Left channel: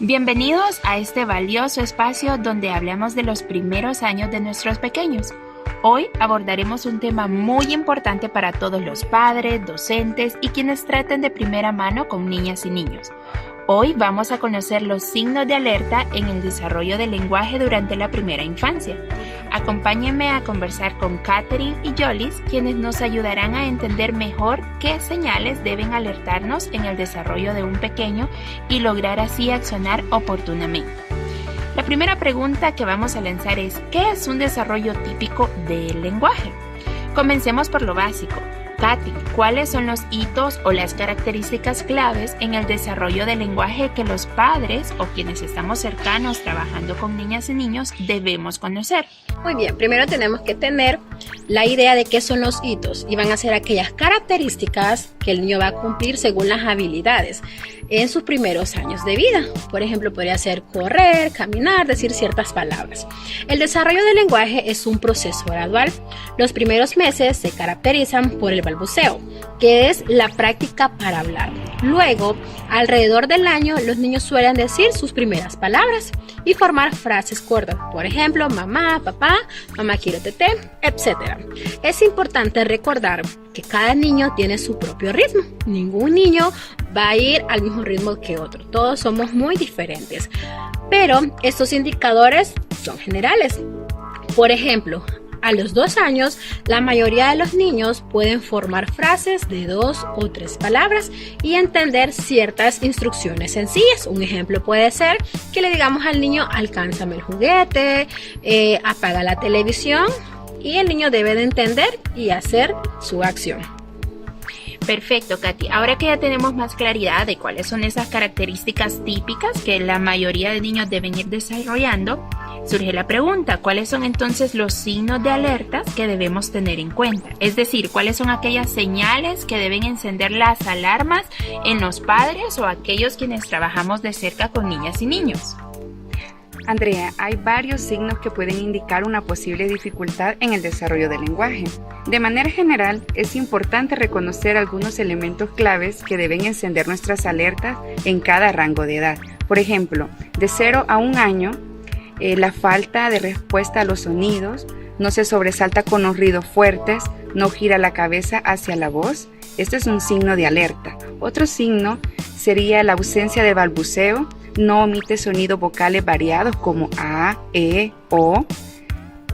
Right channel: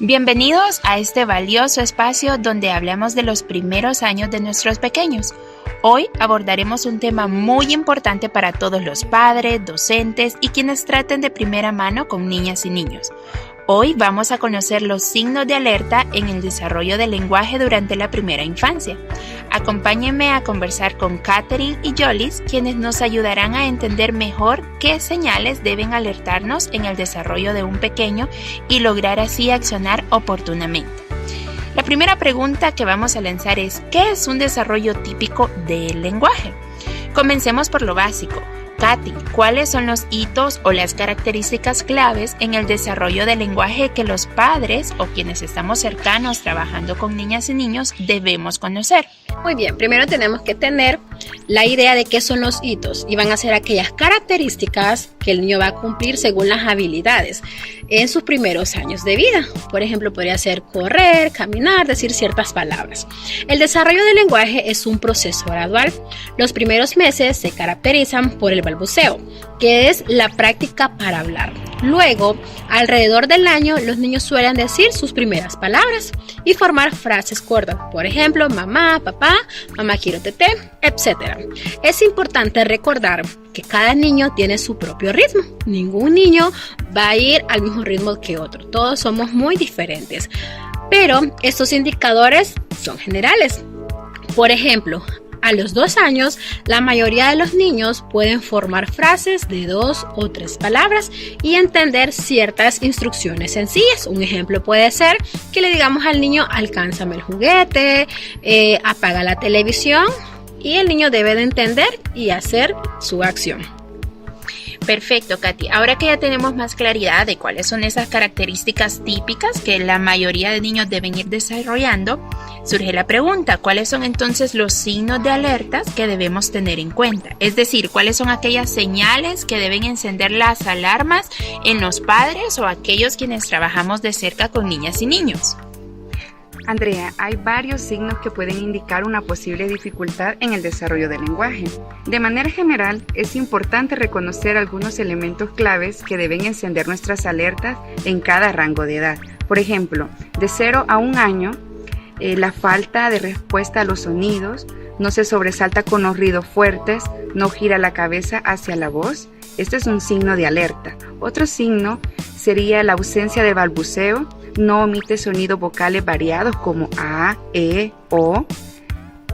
Bienvenidos a este valioso espacio donde hablamos de los primeros años de nuestros pequeños. Hoy abordaremos un tema muy importante para todos los padres, docentes y quienes traten de primera mano con niñas y niños. Hoy vamos a conocer los signos de alerta en el desarrollo del lenguaje durante la primera infancia. Acompáñenme a conversar con Katherine y Yolis, quienes nos ayudarán a entender mejor qué señales deben alertarnos en el desarrollo de un pequeño y lograr así accionar oportunamente. La primera pregunta que vamos a lanzar es: ¿qué es un desarrollo típico del lenguaje? Comencemos por lo básico. Katy, ¿cuáles son los hitos o las características claves en el desarrollo del lenguaje que los padres o quienes estamos cercanos trabajando con niñas y niños debemos conocer? Muy bien, primero tenemos que tener la idea de qué son los hitos y van a ser aquellas características que el niño va a cumplir según las habilidades en sus primeros años de vida. Por ejemplo, podría ser correr, caminar, decir ciertas palabras. El desarrollo del lenguaje es un proceso gradual. Los primeros meses se caracterizan por el balbuceo, que es la práctica para hablar. Luego, alrededor del año, los niños suelen decir sus primeras palabras y formar frases cortas. Por ejemplo, mamá, papá, mamá quiero teté, etc. Es importante recordar que cada niño tiene su propio ritmo. Ningún niño va a ir al mismo ritmo que otro. Todos somos muy diferentes. Pero estos indicadores son generales. Por ejemplo, a los 2 años, la mayoría de los niños pueden formar frases de 2 o 3 palabras y entender ciertas instrucciones sencillas. Un ejemplo puede ser que le digamos al niño: alcánzame el juguete, apaga la televisión, y el niño debe de entender y hacer su acción. Perfecto, Katy. Ahora que ya tenemos más claridad de cuáles son esas características típicas que la mayoría de niños deben ir desarrollando, surge la pregunta: ¿cuáles son entonces los signos de alerta que debemos tener en cuenta? Es decir, ¿cuáles son aquellas señales que deben encender las alarmas en los padres o aquellos quienes trabajamos de cerca con niñas y niños? Andrea, hay varios signos que pueden indicar una posible dificultad en el desarrollo del lenguaje. De manera general, es importante reconocer algunos elementos claves que deben encender nuestras alertas en cada rango de edad. Por ejemplo, de 0 a 1 año, la falta de respuesta a los sonidos, no se sobresalta con los ruidos fuertes, no gira la cabeza hacia la voz. Este es un signo de alerta. Otro signo sería la ausencia de balbuceo, no omite sonidos vocales variados como a, e, o.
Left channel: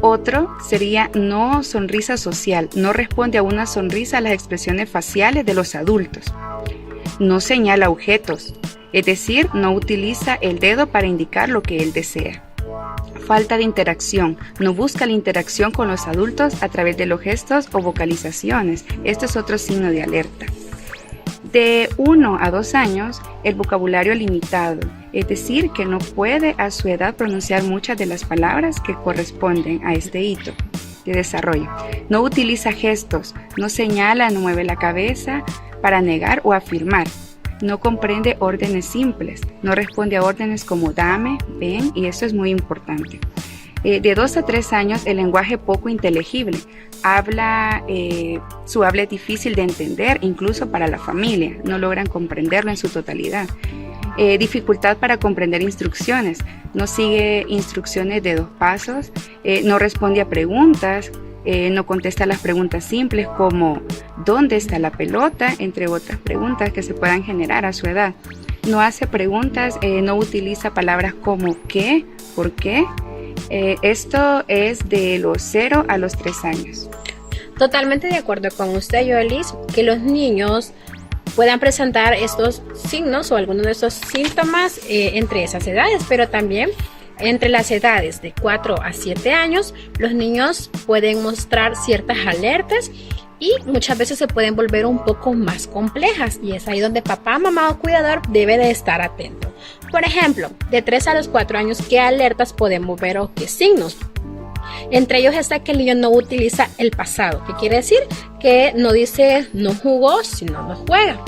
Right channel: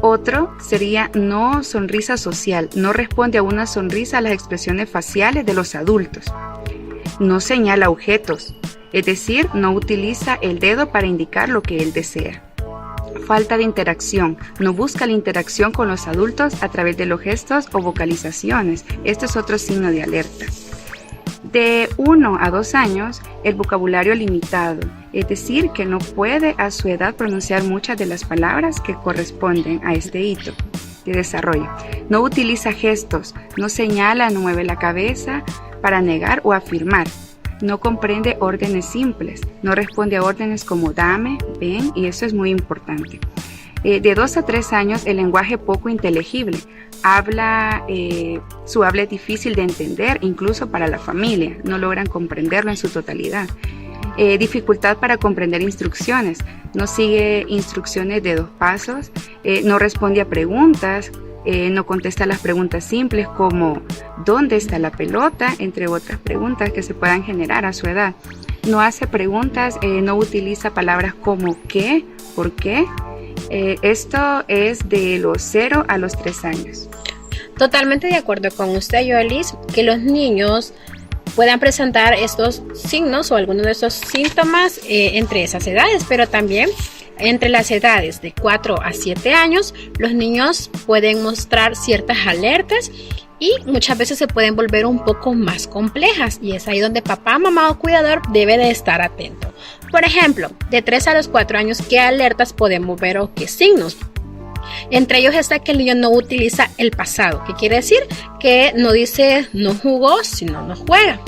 Otro sería no sonrisa social, no responde a una sonrisa a las expresiones faciales de los adultos. No señala objetos, es decir, no utiliza el dedo para indicar lo que él desea. Falta de interacción, no busca la interacción con los adultos a través de los gestos o vocalizaciones. Esto es otro signo de alerta. De 1 a 2 años, el vocabulario limitado, es decir, que no puede a su edad pronunciar muchas de las palabras que corresponden a este hito de desarrollo. No utiliza gestos, no señala, no mueve la cabeza para negar o afirmar. No comprende órdenes simples, no responde a órdenes como dame, ven, y eso es muy importante. De 2 a 3 años, el lenguaje poco inteligible. Su habla es difícil de entender, incluso para la familia. No logran comprenderlo en su totalidad. Dificultad para comprender instrucciones. No sigue instrucciones de 2 pasos. No responde a preguntas. No contesta las preguntas simples como ¿dónde está la pelota?, entre otras preguntas que se puedan generar a su edad. No hace preguntas, no utiliza palabras como ¿qué?, ¿por qué? Esto es de los 0 a los 3 años. Totalmente de acuerdo con usted, Yolis, que los niños puedan presentar estos signos o algunos de estos síntomas entre esas edades, pero también entre las edades de 4 a 7 años, los niños pueden mostrar ciertas alertas y muchas veces se pueden volver un poco más complejas, y es ahí donde papá, mamá o cuidador debe de estar atento. Por ejemplo, de 3 a los 4 años, ¿qué alertas podemos ver o qué signos? Entre ellos está que el niño no utiliza el pasado, que quiere decir que no dice no jugó, sino no juega.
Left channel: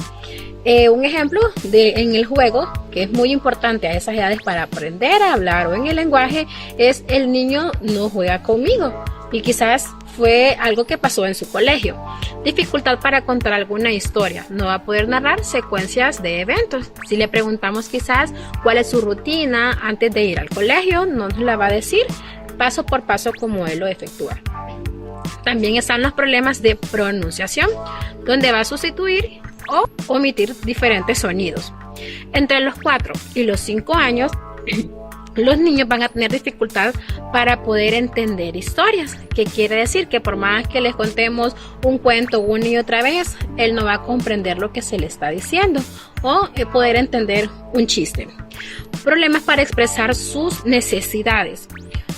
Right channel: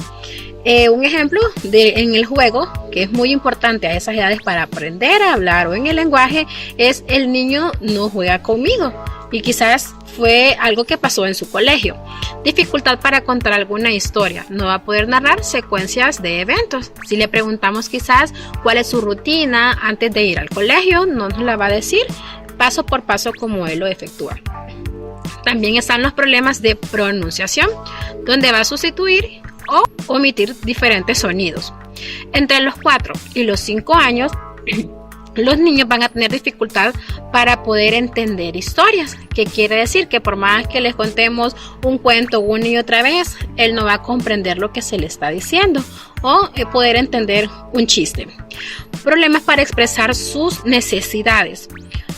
Un ejemplo en el juego, que es muy importante a esas edades para aprender a hablar o en el lenguaje, es el niño no juega conmigo. y quizás fue algo que pasó en su colegio. Dificultad para contar alguna historia. No va a poder narrar secuencias de eventos. Si le preguntamos quizás cuál es su rutina antes de ir al colegio, no nos la va a decir paso por paso como él lo efectúa. También están los problemas de pronunciación, donde va a sustituir o omitir diferentes sonidos. Entre los 4 y los 5 años, los niños van a tener dificultad para poder entender historias, que quiere decir que por más que les contemos un cuento una y otra vez, él no va a comprender lo que se le está diciendo o poder entender un chiste. Problemas para expresar sus necesidades.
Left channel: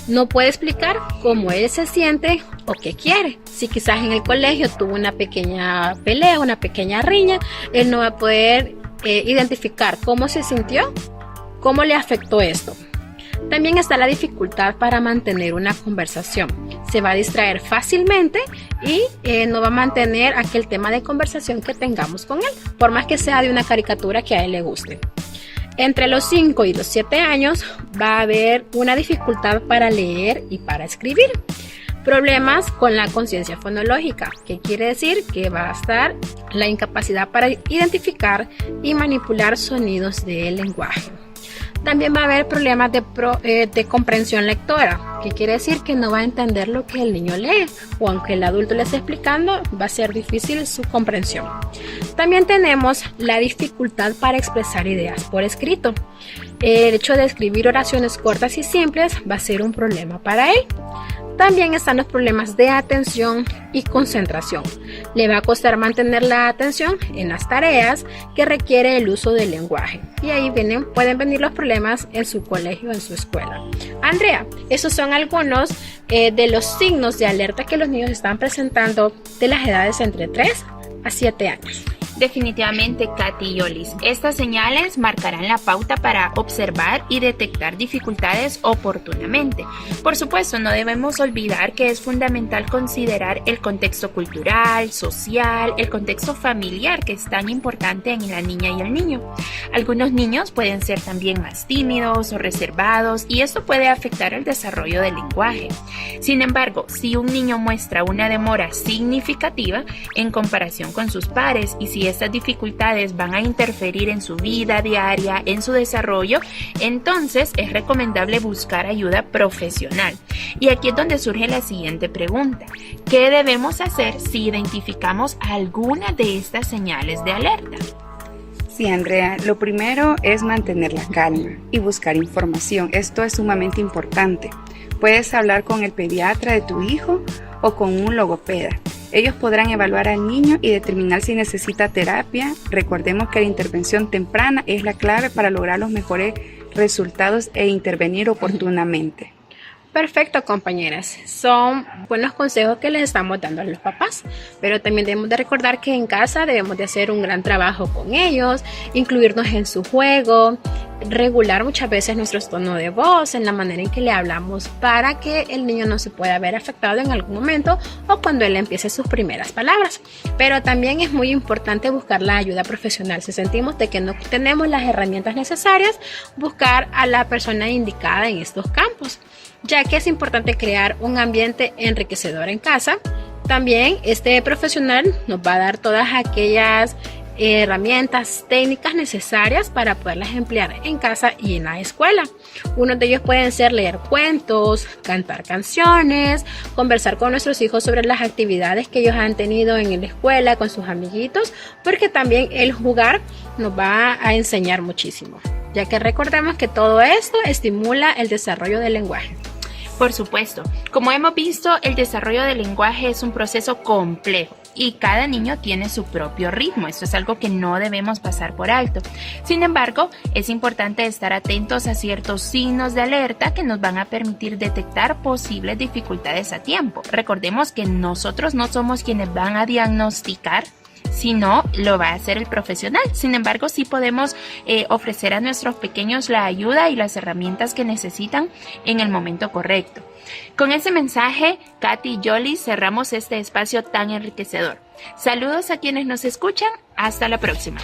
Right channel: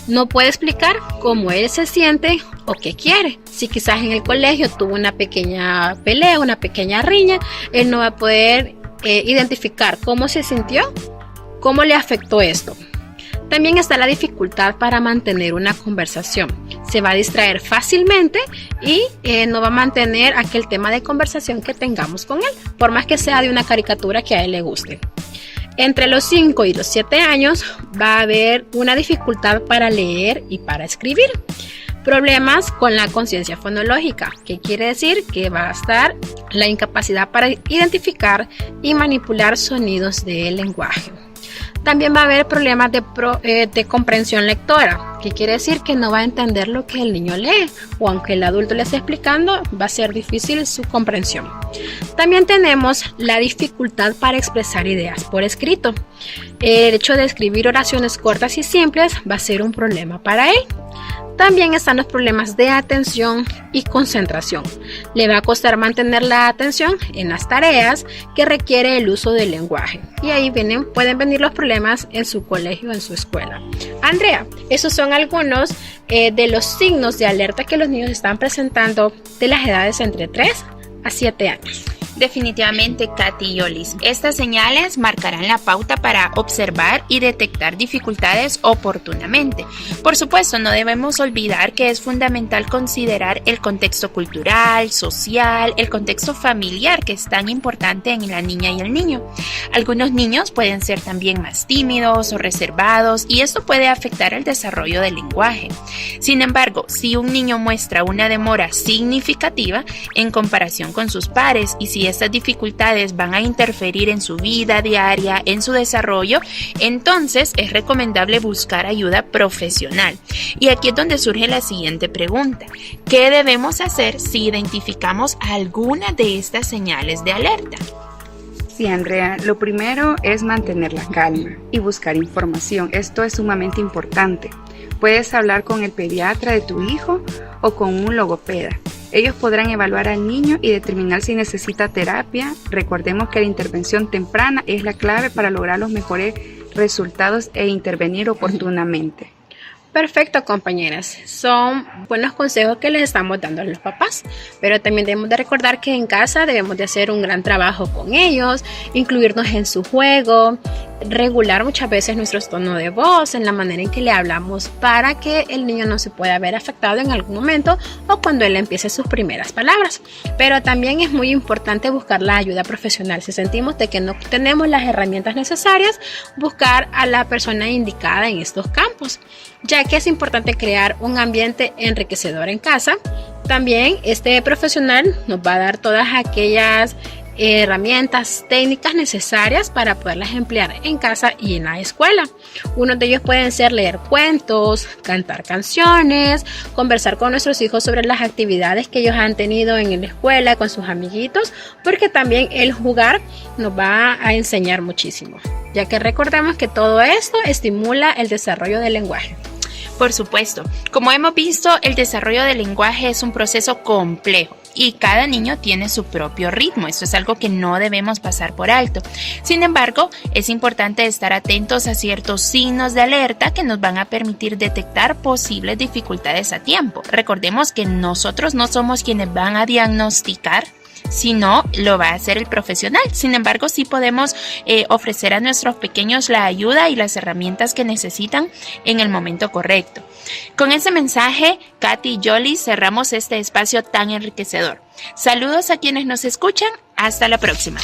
No puede explicar cómo él se siente o qué quiere. Si quizás en el colegio tuvo una pequeña pelea, una pequeña riña, él no va a poder identificar cómo se sintió, cómo le afectó esto. También está la dificultad para mantener una conversación. Se va a distraer fácilmente y no va a mantener aquel tema de conversación que tengamos con él, por más que sea de una caricatura que a él le guste. Entre los 5 y los 7 años va a haber una dificultad para leer y para escribir. Problemas con la conciencia fonológica, que quiere decir que va a estar la incapacidad para identificar y manipular sonidos del lenguaje. También va a haber problemas de comprensión lectora, que quiere decir que no va a entender lo que el niño lee, o aunque el adulto le esté explicando, va a ser difícil su comprensión. También tenemos la dificultad para expresar ideas por escrito. El hecho de escribir oraciones cortas y simples va a ser un problema para él. También están los problemas de atención y concentración. Le va a costar mantener la atención en las tareas que requiere el uso del lenguaje. Y ahí pueden venir los problemas en su colegio, en su escuela. Andrea, esos son algunos de los signos de alerta que los niños están presentando de las edades entre 3 a 7 años. Definitivamente, Katy y Yolis, estas señales marcarán la pauta para observar y detectar dificultades oportunamente. Por supuesto, no debemos olvidar que es fundamental considerar el contexto cultural, social, el contexto familiar, que es tan importante en la niña y el niño. Algunos niños pueden ser también más tímidos o reservados y esto puede afectar el desarrollo del lenguaje. Sin embargo, si un niño muestra una demora significativa en comparación con sus pares y si estas dificultades van a interferir en su vida diaria, en su desarrollo, entonces es recomendable buscar ayuda profesional. Y aquí es donde surge la siguiente pregunta: ¿qué debemos hacer si identificamos alguna de estas señales de alerta? Sí, Andrea, lo primero es mantener la calma y buscar información. Esto es sumamente importante. Puedes hablar con el pediatra de tu hijo o con un logopeda. Ellos podrán evaluar al niño y determinar si necesita terapia. Recordemos que la intervención temprana es la clave para lograr los mejores resultados e intervenir oportunamente. Perfecto, compañeras. Son buenos consejos que les estamos dando a los papás, pero también debemos de recordar que en casa debemos de hacer un gran trabajo con ellos, incluirnos en su juego, regular muchas veces nuestro tono de voz, en la manera en que le hablamos, para que el niño no se pueda ver afectado en algún momento o cuando él empiece sus primeras palabras. Pero también es muy importante buscar la ayuda profesional. Si sentimos de que no tenemos las herramientas necesarias, buscar a la persona indicada en estos campos, ya que es importante crear un ambiente enriquecedor en casa. También este profesional nos va a dar todas aquellas herramientas técnicas necesarias para poderlas emplear en casa y en la escuela. Unos de ellos pueden ser leer cuentos, cantar canciones, conversar con nuestros hijos sobre las actividades que ellos han tenido en la escuela con sus amiguitos, porque también el jugar nos va a enseñar muchísimo, ya que recordemos que todo esto estimula el desarrollo del lenguaje. Por supuesto, como hemos visto, el desarrollo del lenguaje es un proceso complejo y cada niño tiene su propio ritmo. Esto es algo que no debemos pasar por alto. Sin embargo, es importante estar atentos a ciertos signos de alerta que nos van a permitir detectar posibles dificultades a tiempo. Recordemos que nosotros no somos quienes van a diagnosticar, sino lo va a hacer el profesional. Sin embargo, sí podemos ofrecer a nuestros pequeños la ayuda y las herramientas que necesitan en el momento correcto. Con ese mensaje, Katy y Yolis, cerramos este espacio tan enriquecedor. Saludos a quienes nos escuchan. Hasta la próxima.